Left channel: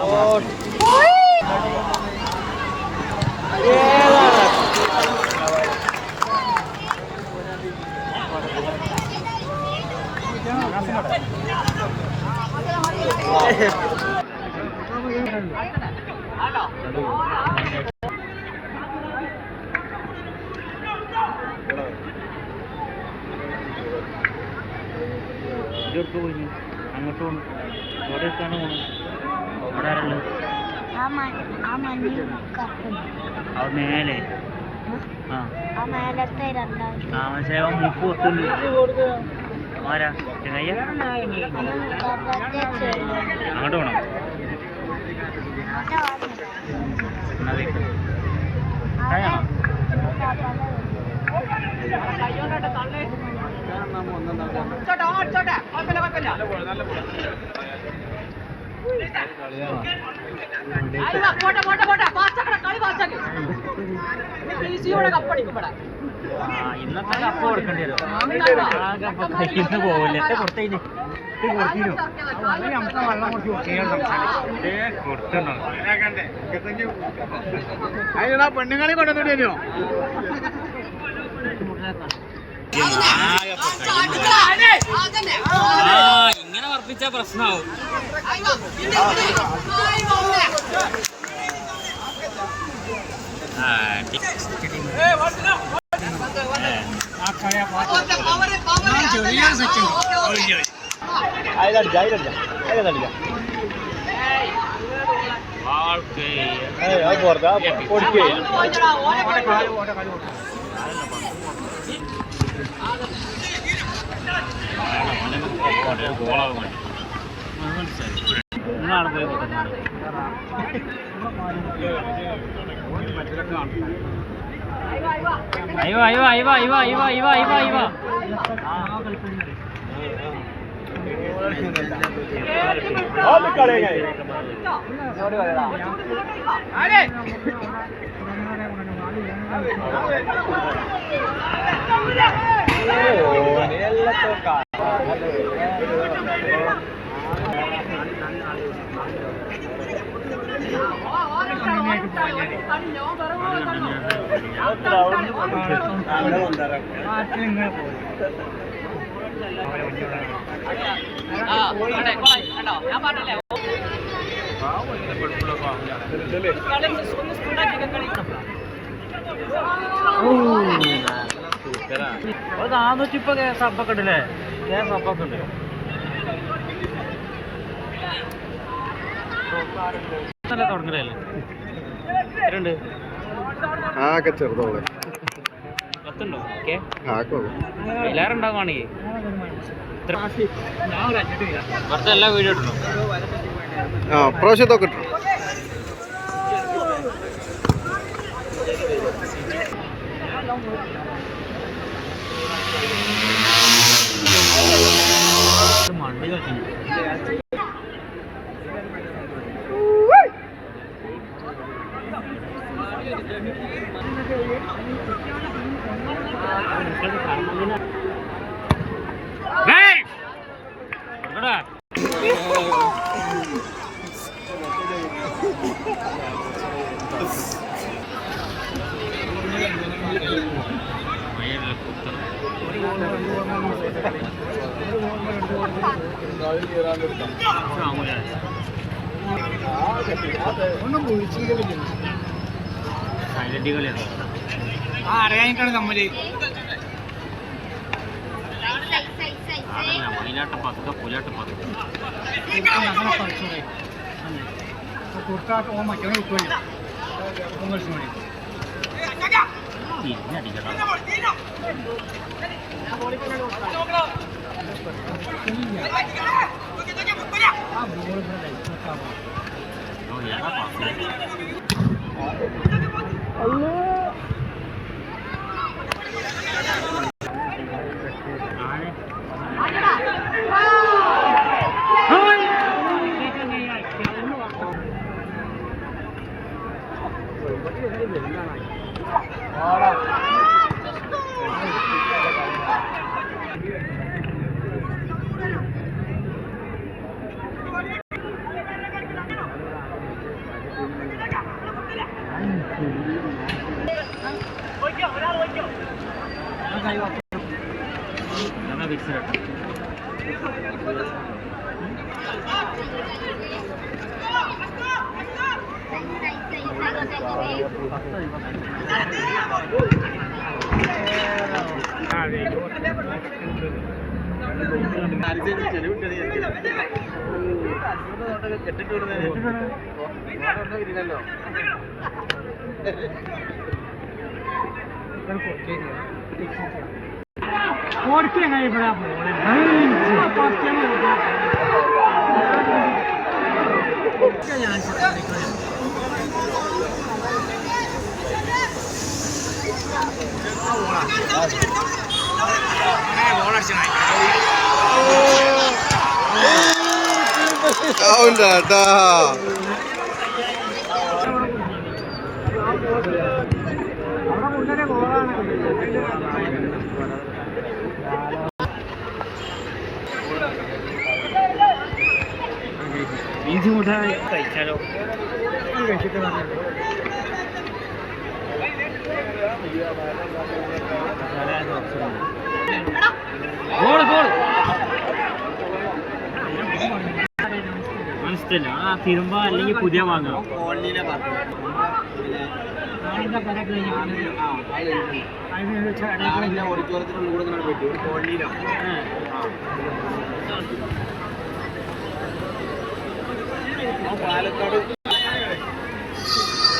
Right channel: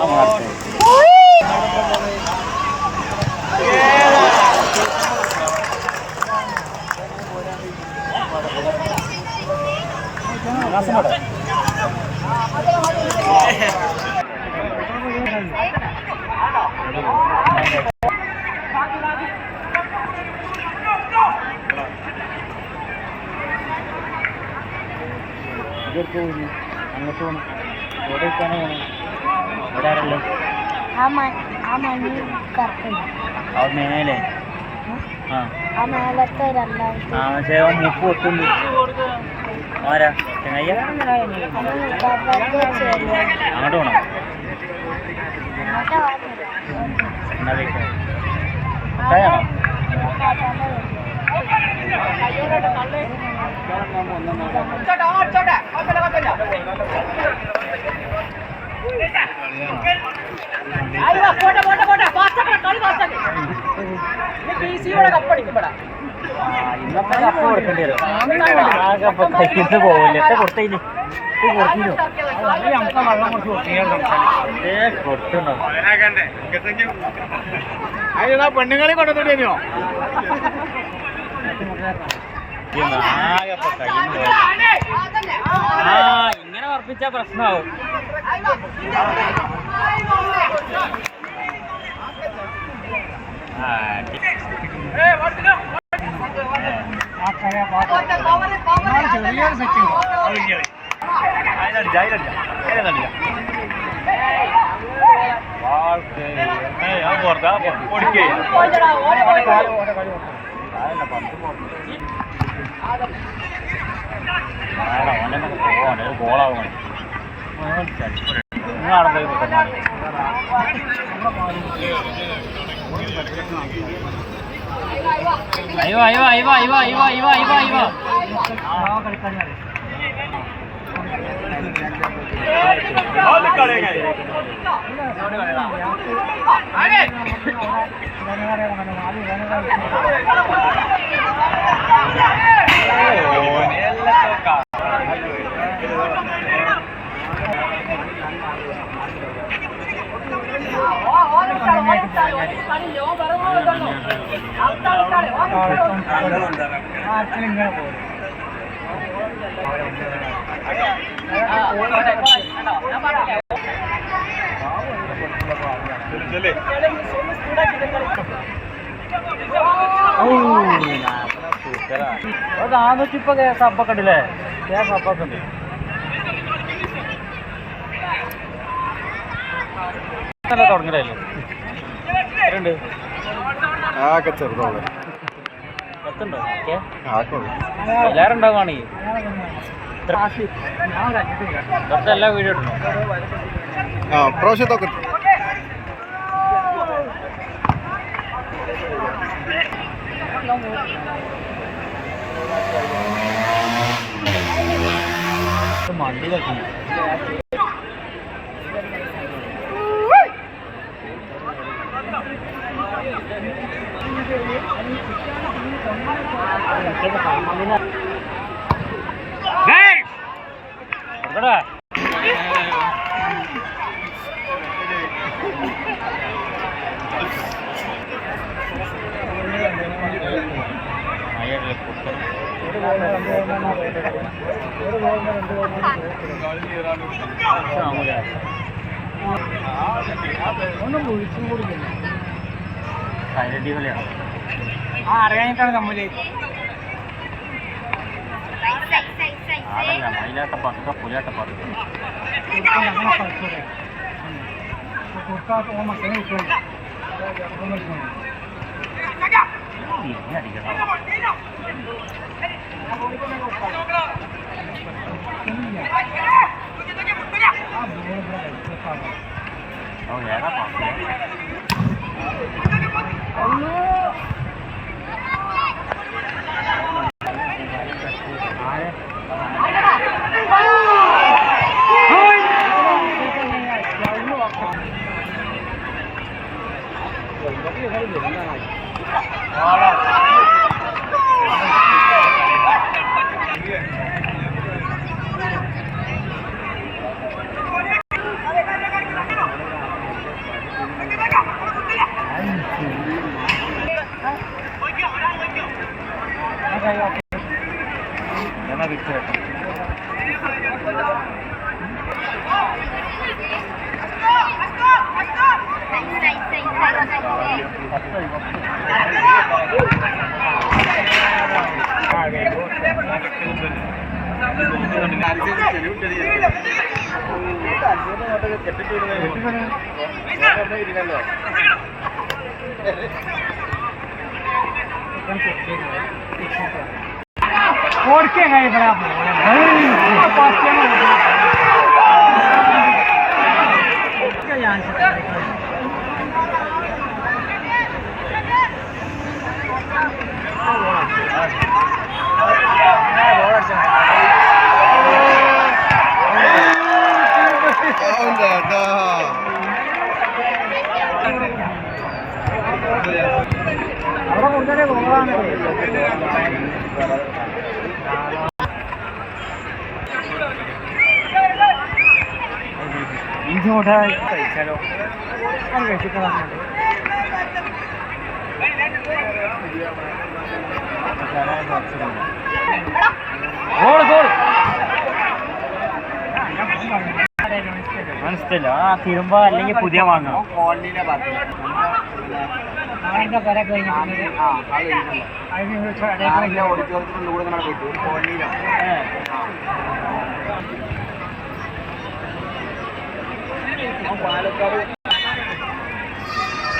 അങ്ങോട്ടും മേലെ നിപ്പ് വെക്കും ആരാ ചെങ്ങയ്യ അങ്ങോട്ട് വേണം കയാണോ ഇന്നത്തെ കപ്പ് കൊടുക്കേണ്ടി വരും ആ കപ്പ് കയ്യിൽ പോകില്ല എത്ര കൊടുത്തതിന് പെണ്ണുങ്ങളെ കൊണ്ടുവന്നിട്ടോ ഇങ്ങനെ ഉറപ്പിച്ച പ്രശ്നമാവും ചെറിയൊരു സെക്ഷൻ ഗോളാവും അയ്യോ അയ്യോ അയ്യോ അയ്യോ അയ്യോ അയ്യോ അയ്യോ അയ്യോ അത് 400 സബ്ബൊക്കെ ഉണ്ടല്ലേ സബ്ബൊക്കെ ഉണ്ട് തുടങ്ങിയല്ലോ ആകെ ചെറുതോളെ എല്ലാവരും ഉണ്ടാവുകയാണെങ്കിൽ കുറച്ച് എല്ലാ വീഡിയോ ഇടണോ പ്രാവശ്യത്തൊക്കെ ഇട്ടു മണ്ണിലൊക്കെ അറിയാനിട്ടാണ് തമ്മില് മയിലാട്ട പതുക്ക പുലാട്ട പതുക്ക അങ്ങനെ കളിച്ചോടെ കൊടുത്താൽ മറ്റൊന്ന് കിട്ടുമല്ലോ മണി തിരിഞ്ഞടിക്കണം ആ ബോൾ ഇവിടെ കഴിച്ചോട്ടാവോ ഞങ്ങൾ ഫിക്സ് और क्या है बड़ा इंच मोठा आहे चलो गोल गोल മനസ്സില്ല ആ തിരുമ്പ അല്ലെങ്കിൽ പുതിയ വാങ്ങാം കോളനിയിലെ പറഞ്ഞു ഓഡിറ്റോറിയത്തിനുള്ളിൽ കൂടെ പോയിട്ട് കോളനിയിലാണ്